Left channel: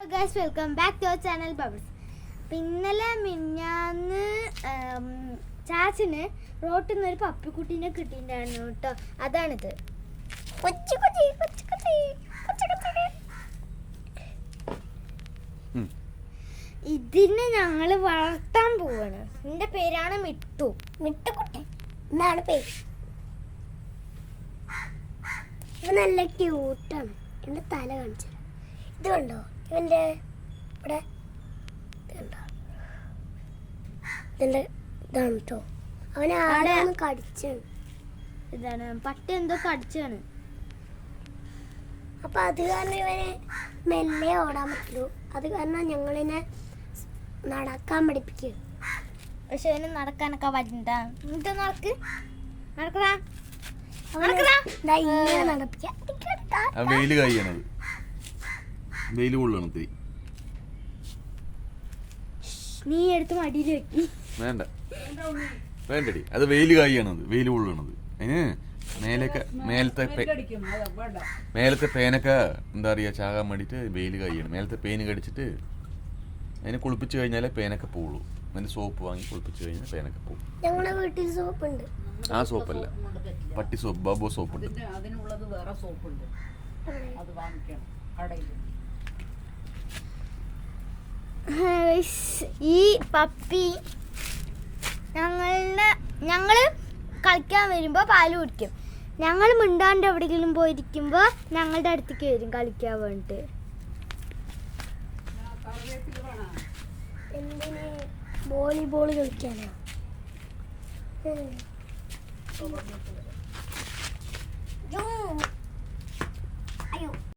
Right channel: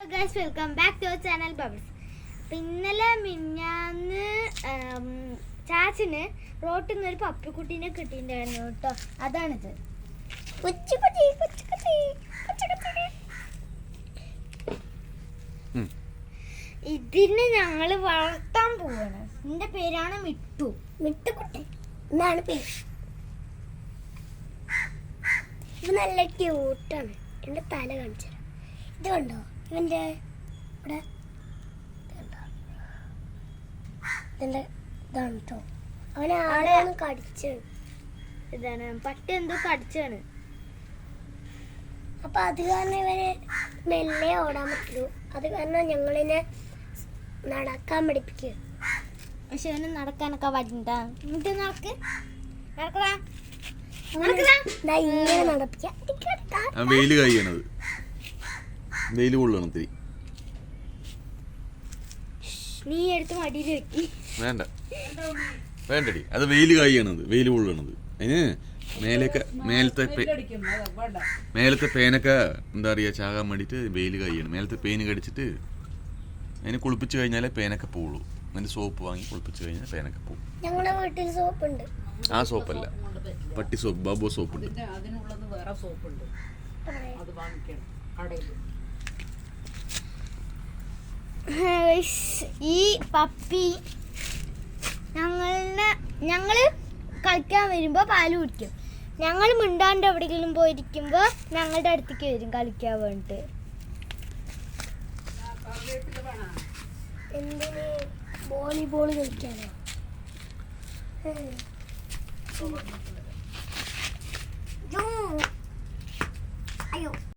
Hello guys, welcome back to our channel Bubbles. ഇന്നലെ മിഞ്ഞാന്ന് ചാച്ചന് റോട്ടിൽ നിന്ന് ഒരു പപ്പിക്കുട്ടീനെ കിട്ടിയിട്ടുണ്ടായിരുന്നു കേട്ടോ. അതാണിത്. ഇതിനെ ഞങ്ങൾ വളർത്താൻ പോവാണ്. എന്റെ പേരാണ് മിട്ടു. മിട്ടുകുട്ടി എന്നാണ് പേര്. ഇത് നല്ല ക്യൂട്ടാണ്. എന്റെ തല കാണിച്ചു. ഇത് കണ്ടോ ഇവന്റെ ഇവിടെ ഇതാണ് കേട്ടോ. അവനെ ആടെയാണ് കടിച്ചത്. ഇതാണ് പട്ടി എന്തോ കടിച്ചാണ്. അപ്പൊ അത് കാരണം ഇവന് മെല്ലെ ഓടാൻ പറ്റുള്ളൂ. അത് കാരണം ഞങ്ങളിനെ നടക്കാൻ പഠിപ്പിക്കുക. പക്ഷെ അവന് നടക്കാനൊക്കെ വരണ്ട. നടക്ക് നടക്കടാ ഇങ്ങനെ നടപ്പിക്കുക. വെയില് കഴിയണത്, വെയില് കൊള്ളണത്. നീ എടുത്ത് മടിയിൽ വെക്കി. വേണ്ട വേണ്ടടി, അത് വെയില് കായണത്, വെയില് കൊള്ളണത്. അതിന് മേലത്തെ പേനൊക്കെ എന്താ പറയാ ചാകാൻ വേണ്ടിട്ട് വെയില് കായാണ്. മേലത്തെ പേന് കടിച്ചിട്ട് അതിനെ കുളിപ്പിച്ച് കഴിഞ്ഞാലേ പേനൊക്കെ പോവുള്ളൂ. അതിന്റെ സോപ്പ് വാങ്ങി കുളിപ്പിച്ച് കഴിഞ്ഞാൽ പേനൊക്കെ പോകും. ഞങ്ങളുടെ വീട്ടിൽ സോപ്പുണ്ട്. ആ സോപ്പല്ല, പട്ടി സോപ്പ്, ബാബോ സോപ്പുണ്ട്. അതിനുള്ളത് വേറെ സോപ്പുണ്ട്, അത് വാങ്ങിക്കണം കടയിൽ. ഈ പപ്പി ഞങ്ങള് കളിക്കാൻ വരുമ്പോ പാല് കുടിക്കും. ഞങ്ങൾ മിണ്ടാണ്ട് എവിടെയെങ്കിലും പോയിരിക്കുമ്പോ ഞങ്ങളുടെ അടുത്തേക്ക് വരും കളിക്കാൻ വേണ്ടിട്ട്. എന്തിന്? വോളിബോൾ കളിക്കാനോ? അയ്യോ